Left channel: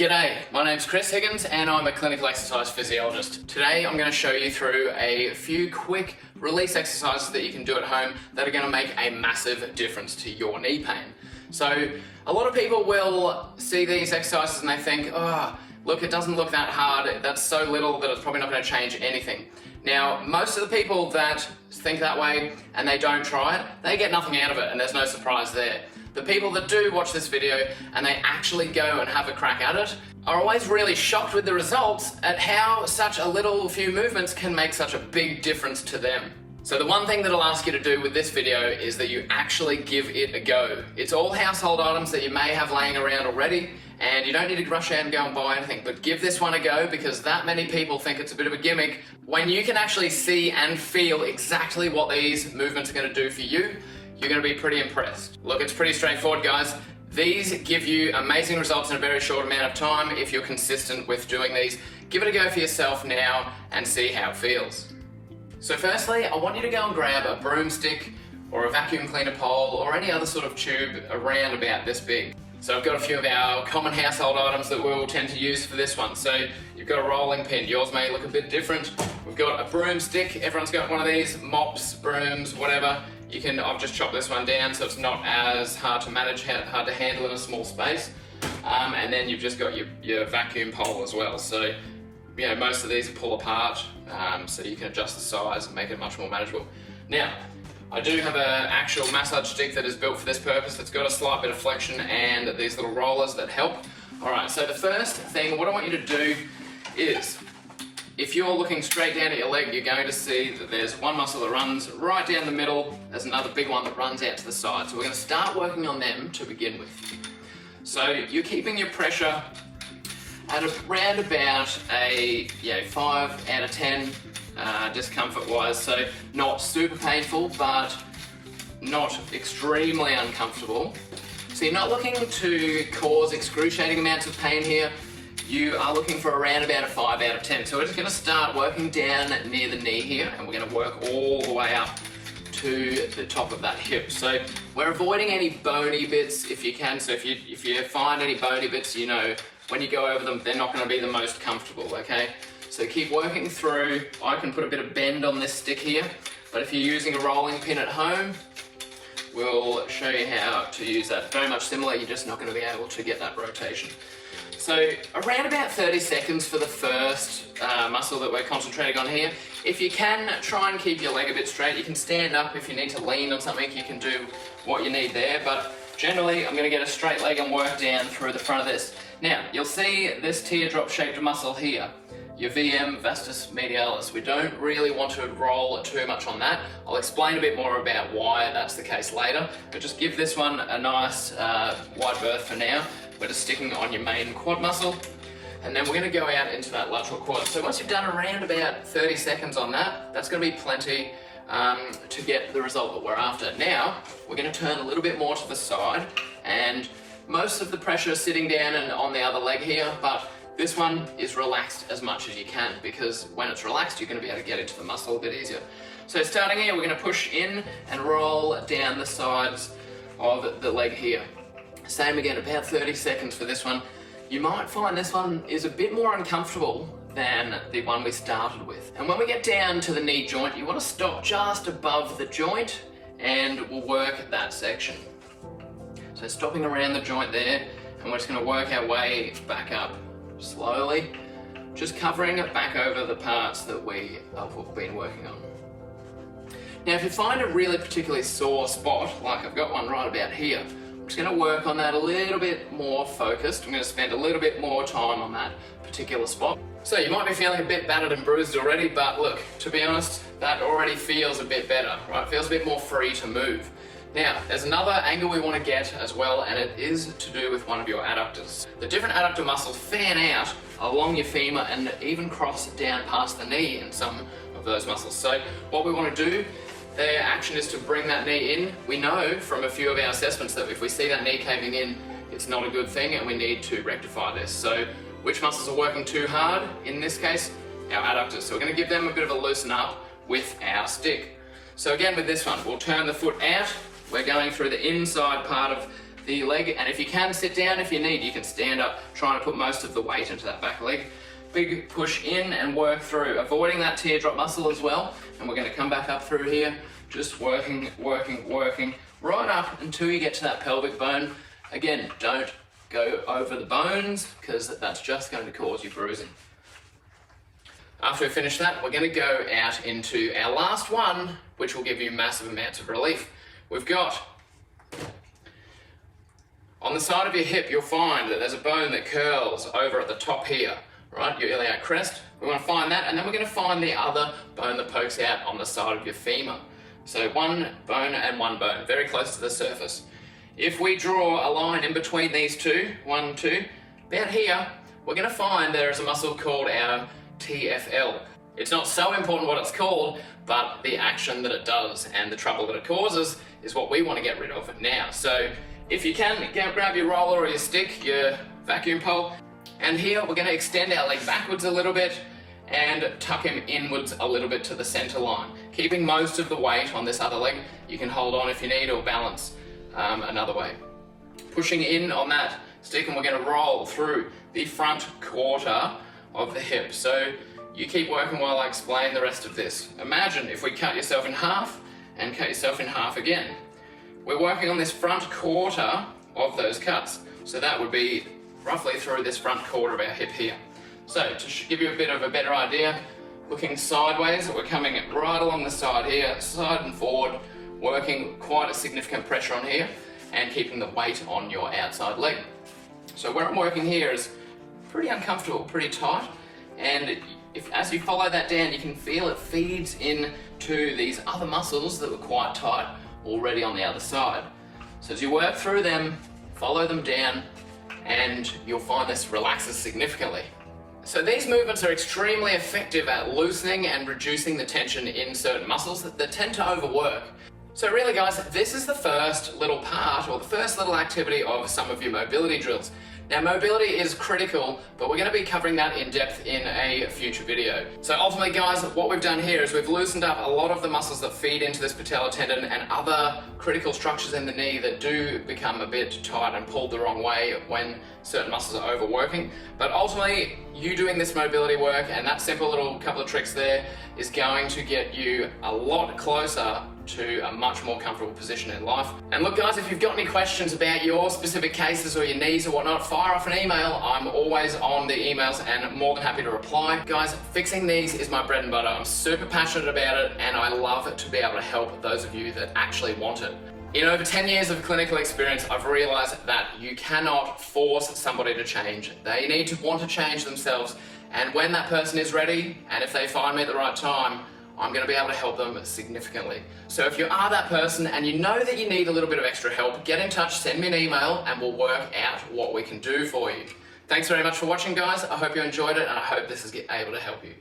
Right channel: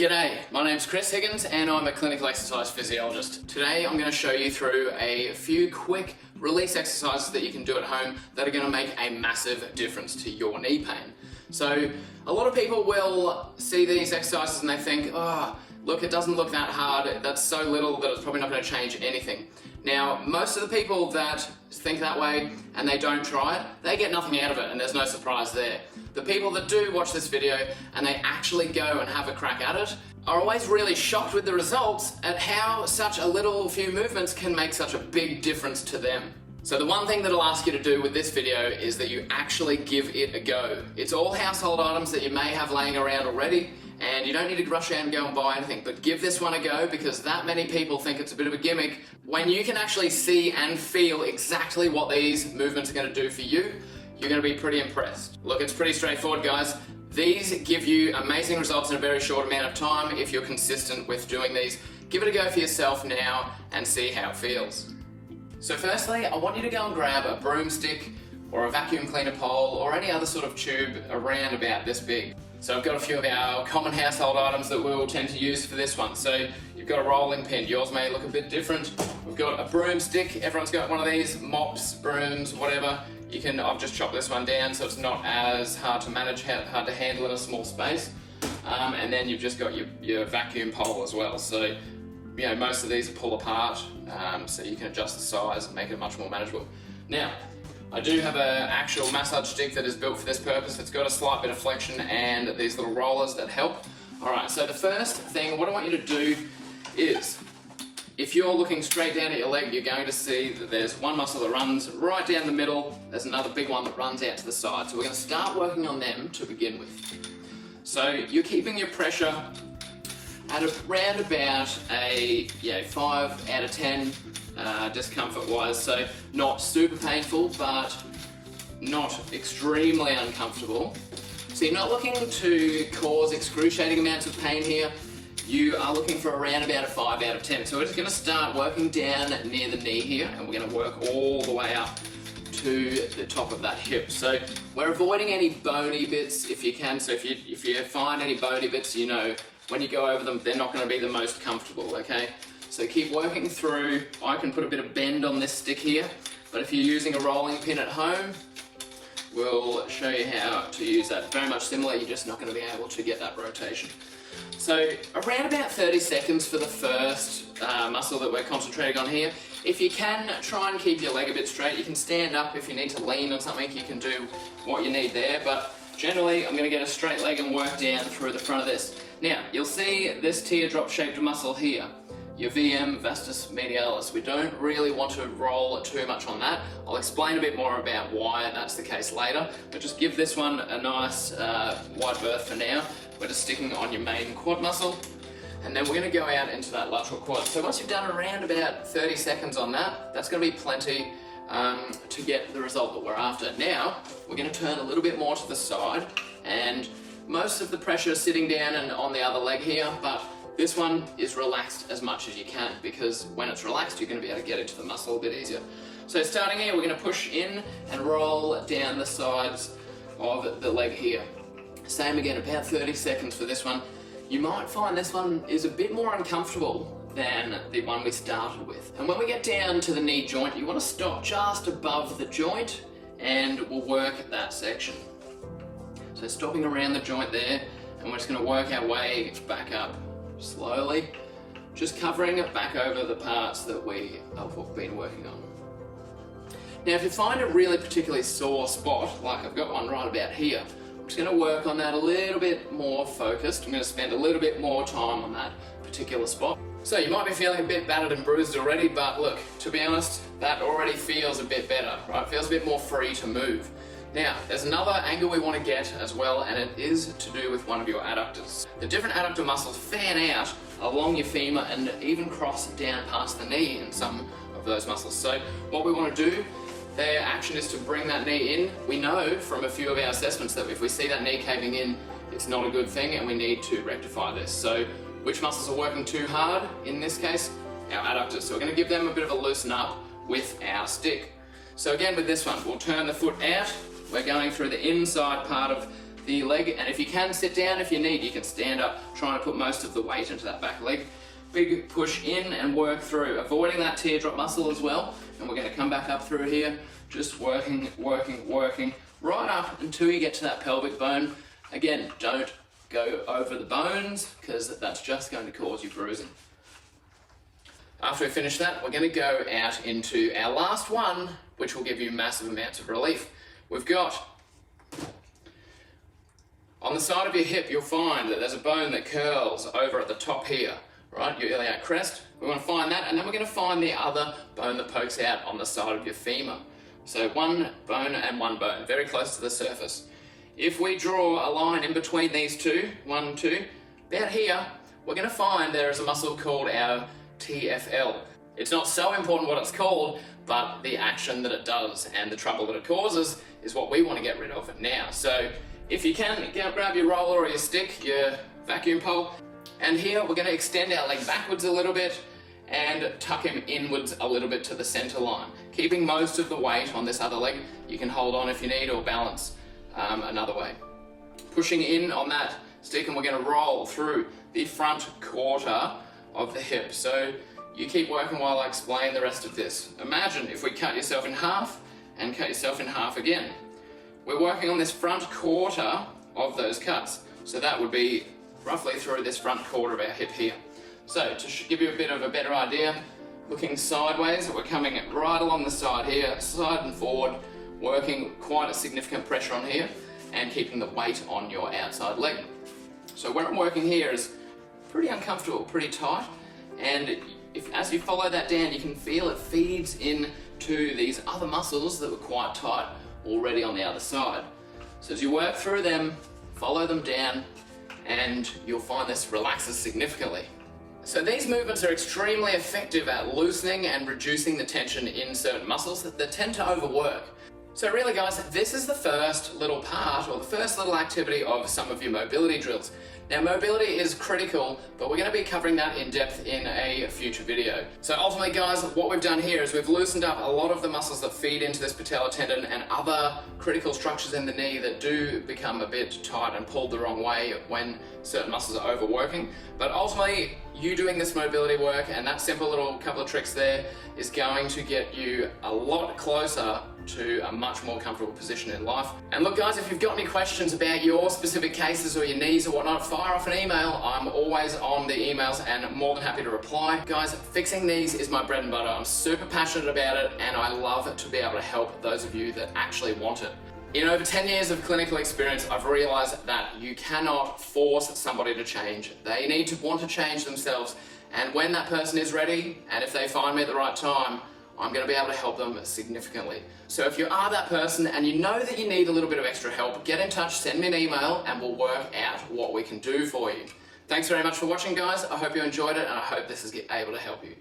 G'day, my name's Chris Higgins and I'm a clinical exercise physiologist. Today I'm going to show you through a few quick release exercises that you can do at home that are going to make a massive difference to your knee pain. So a lot of people will see these exercises and they think, oh, look, it doesn't look that hard, that's so little that it's probably not going to change anything. Now, most of the people that think that way and they don't try it, they get nothing out of it and there's no surprise there. The people that do watch this video and they actually go and have a crack at it are always really shocked with the results at how such a little few movements can make such a big difference to them. So the one thing that I'll ask you to do with this video is that you actually give it a go. It's all household items that you may have laying around already, and you don't need to rush out and go and buy anything, but give this one a go because that many people think it's a bit of a gimmick. When you can actually see and feel exactly what these movements are going to do for you, you're going to be pretty impressed. Look, it's pretty straightforward, guys. These give you amazing results in a very short amount of time if you're consistent with doing these. Give it a go for yourself now and see how it feels. So firstly, I want you to go and grab a broomstick or a vacuum cleaner pole or any other sort of tube around about this big. So I've got a few of our common household items that we'll tend to use for this one. So you've got a rolling pin, yours may look a bit different. We've got a broomstick, everyone's got one of these, mops, brooms, whatever. I've just chopped this one down so it's not as hard to manage, hard to handle in a small space. And then you've just got your vacuum pole as well. So, you know, most of these pull apart, so you can adjust the size and make it much more manageable. Now, I do have an actual massage stick that is built for this purpose. It's got a slight bit of flexion and these little rollers that help. All right, so the first thing, what I want you to do is, if you're looking straight down at your leg, you're going to see that there's one muscle that runs right down the middle. There's another big one that runs out to the side. So we're going to start working on them to begin with. So you're keeping your pressure at around about a 5 out of 10 discomfort-wise. So not super painful, but not extremely uncomfortable. So you're not looking to cause excruciating amounts of pain here. You are looking for around about a 5 out of 10. So we're just going to start working down near the knee here, and we're going to work all the way up to the top of that hip. So we're avoiding any bony bits if you can. So if you find any bony bits, you know, when you go over them, they're not going to be the most comfortable, okay? So keep working through. I can put a bit of bend on this stick here, but if you're using a rolling pin at home, we'll show you how to use that. Very much similar, you're just not going to be able to get that rotation. So around about 30 seconds for the first muscle that we're concentrating on here. If you can, try and keep your leg a bit straight. You can stand up if you need to lean on something, you can do what you need there, but generally I'm going to get a straight leg and work down through the front of this. Now, you'll see this teardrop shaped muscle here, your VM vastus medialis. We don't really want to roll too much on that. I'll explain a bit more about why that's the case later, but just give this one a nice wide berth for now. We're just sticking on your main quad muscle, and then we're going to go out into that lateral quad. So once you've done around about 30 seconds on that, that's going to be plenty to get the result that we're after. Now, we're going to turn a little bit more to the side, and most of the pressure is sitting down and on the other leg here, but this one is relaxed as much as you can, because when it's relaxed, you're going to be able to get into the muscle a bit easier. So starting here, we're going to push in and roll down the sides of the leg here. Same again, about 30 seconds for this one. You might find this one is a bit more uncomfortable than the one we started with. And when we get down to the knee joint, you want to stop just above the joint and we'll work that section. So stopping around the joint there, and we're just going to work our way back up slowly, just covering it back over the parts that we've been working on. Now, if you find a really particularly sore spot, like I've got one right about here, I'm just going to work on that a little bit more focused. I'm going to spend a little bit more time on that particular spot. So you might be feeling a bit battered and bruised already, but look, to be honest, that already feels a bit better, right? It feels a bit more free to move. Now, there's another angle we want to get as well, and it is to do with one of your adductors. The different adductor muscles fan out along your femur and even cross down past the knee in some of those muscles. So what we want to do, their action is to bring that knee in. We know from a few of our assessments that if we see that knee caving in, it's not a good thing and we need to rectify this. So which muscles are working too hard? In this case, our adductors. So we're going to give them a bit of a loosen up with our stick. So again with this one, we'll turn the foot out. We're going through the inside part of the leg, and if you can sit down if you need, you can stand up, trying to put most of the weight into that back leg. Big push in and work through, avoiding that teardrop muscle as well. And we're gonna come back up through here, just working, right up until you get to that pelvic bone. Again, don't go over the bones, because that's just going to cause you bruising. After we finish that, we're gonna go out into our last one, which will give you massive amounts of relief. We've got, on the side of your hip, you'll find that there's a bone that curls over at the top here, right? Your iliac crest. We want to find that, and then we're going to find the other bone that pokes out on the side of your femur. So one bone and one bone, very close to the surface. If we draw a line in between these two, 1, 2, about here, we're going to find there is a muscle called our TFL. It's not so important what it's called, but the action that it does and the trouble that it causes is what we want to get rid of now. So if you can, grab your roller or your stick, your vacuum pole, and here we're going to extend our leg backwards a little bit and tuck him inwards a little bit to the center line. Keeping most of the weight on this other leg. You can hold on if you need, or balance another way. Pushing in on that stick, and we're going to roll through the front quarter of the hip. So you keep working while I explain the rest of this. Imagine if we cut yourself in half and cut yourself in half again. We're working on this front quarter of those cuts. So that would be roughly through this front quarter of our hip here. So to give you a bit of a better idea, looking sideways, we're coming right along the side here, side and forward, working quite a significant pressure on here and keeping the weight on your outside leg. So where I'm working here is pretty uncomfortable, pretty tight, and as you follow that down, you can feel it feeds into these other muscles that were quite tight already on the other side. So as you work through them, follow them down, and you'll find this relaxes significantly. So these movements are extremely effective at loosening and reducing the tension in certain muscles that tend to overwork. So really guys, this is the first little part, or the first little activity of some of your mobility drills. Now mobility is critical, but we're going to be covering that in depth in a future video. So ultimately guys, what we've done here is we've loosened up a lot of the muscles that feed into this patellar tendon and other critical structures in the knee that do become a bit tight and pulled the wrong way when certain muscles are overworking. But ultimately, you doing this mobility work and that simple little couple of tricks there is going to get you a lot closer to a much more comfortable position in life. And look guys, if you've got any questions about your specific cases or your knees or whatnot, fire off an email. I'm always on the emails and more than happy to reply. Guys, fixing knees is my bread and butter. I'm super passionate about it, and I love to be able to help those of you that actually want it. In over 10 years of clinical experience, I've realized that you cannot force somebody to change. They need to want to change themselves, and when that person is ready, and if they find me at the right time, I'm going to be able to help them significantly. So if you are that person and you know that you need a little bit of extra help, get in touch, send me an email, and we'll work out what we can do for you. Thanks very much for watching guys. I hope you enjoyed it, and I hope this is able to help you.